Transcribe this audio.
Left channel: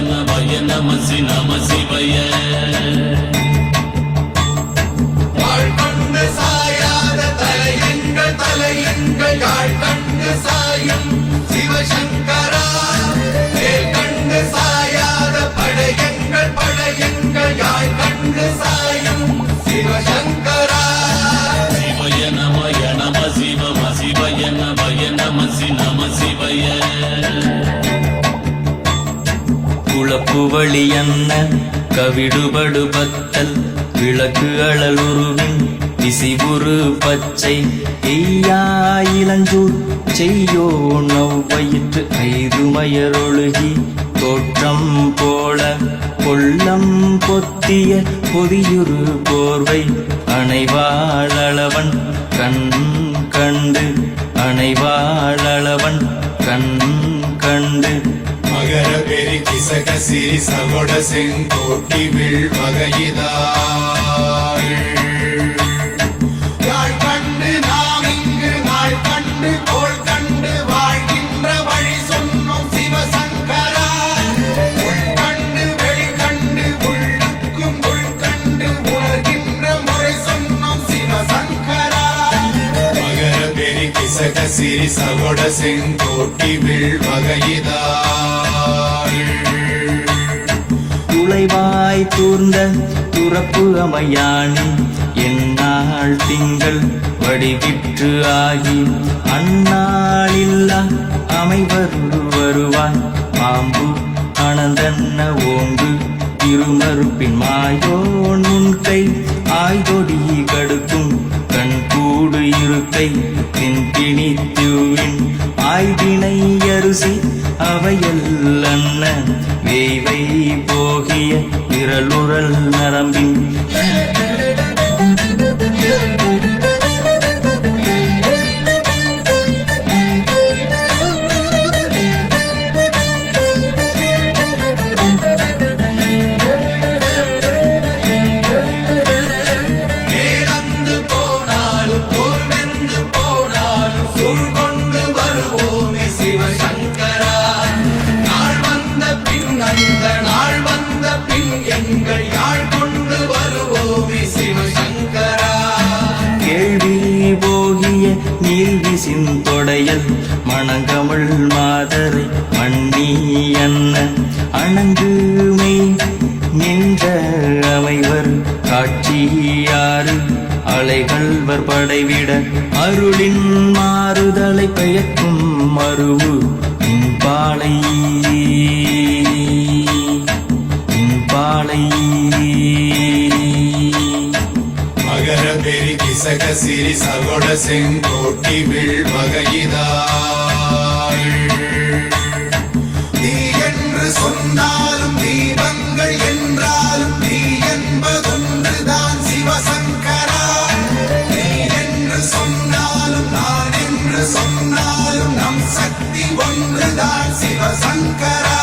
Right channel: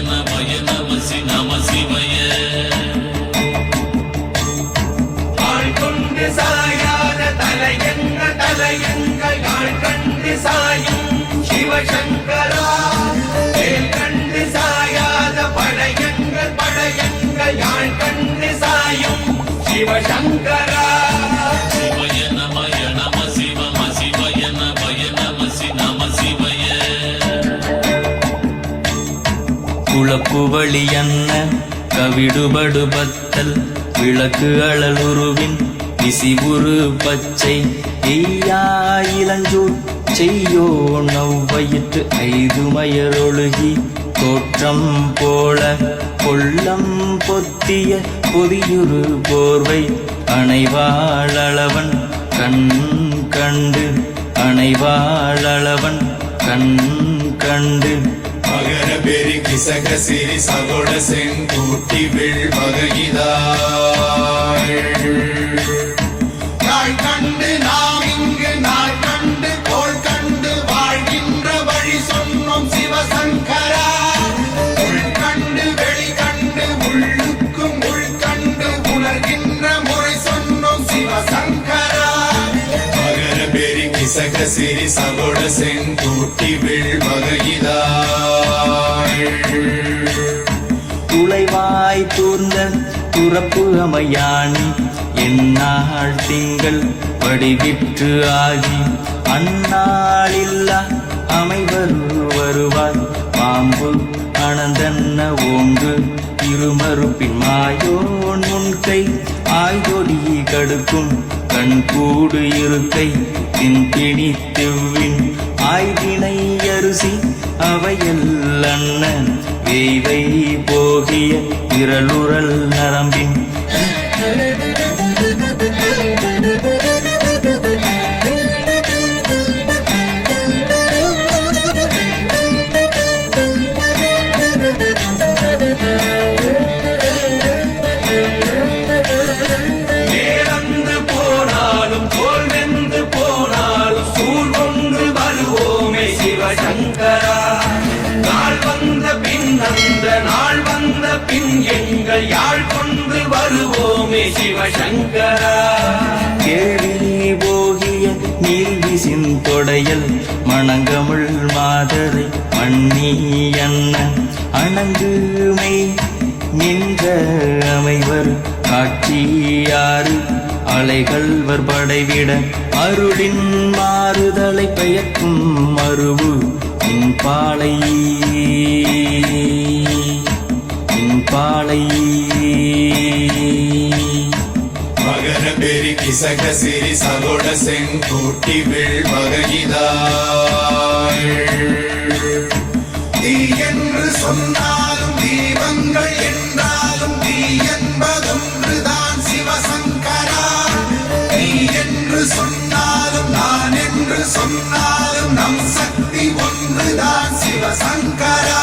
நமய நமசி நம சிவய. கொண்டு சாயாத தலையங்கள் தலையங்கள் யாழ் கண்டு சாயும். சிவசங்கரா கண்டு சாயா குளப்புவழி அன்ன கவிடுபடு பத்தல் விளக்கு அழலுருவின் விசிவுரு பச்சை. எய்யா இளஞ்சூர் செய்யோ நவ்வயிற்று ஐது மயரொழுகி தோற்றம் போல கொள்ளம் பொத்திய பொதியுரு போர்வை. அணைவாழவன் கண் கண்டு அணைவாழவன் கண் கண்டு. மகர பெரி கிசக சிறி சகோட செங்கோட்டி வில் வகையிதாள் வாசக சிறி சகோட செங்கோட்டி வில் துளைவாய் தூர்ந்த துறப்பு அமையான் என்னால் திங்கள் வடிவிற்று ஆகி அந்நாளில்லா அமைவரு வருவாய். பாம்பு அனந்தன்ன ஓங்கு இருமறுப்பின் மாயோன் முன்கை ஆய்தொடி கடுக்கும். கண் கூடு இருக்கை தின்பிணி ஆய்தினை அரிசி அவையல் வேய்வை போகிய விரலுரல் நரம்பின். வருவோமே கேள்வி போகிய நீல்விசின் தொடையல் மணங்கமிழ் மாதரை மண்ணி அன்ன. அணங்குமை நின்ற அமைவர் காட்சியாறு அலைகள்வர் படைவிட. அருளின் மாறுதலை பெயர்க்கும் மருவு இன்பாலை. இன்பாலை. கிசக சிறி சகோட செங்கோட்டி வில் வகையிதாள் தீ என்று சொன்னாலும் தீபங்கள் என்றாலும் தீ என்பதொன்றுதான் சிவசங்கரா நீ என்று சொன்னாலும் நான் என்று சொன்னாலும் நம் சக்தி ஒன்றுதான் சிவசங்கரா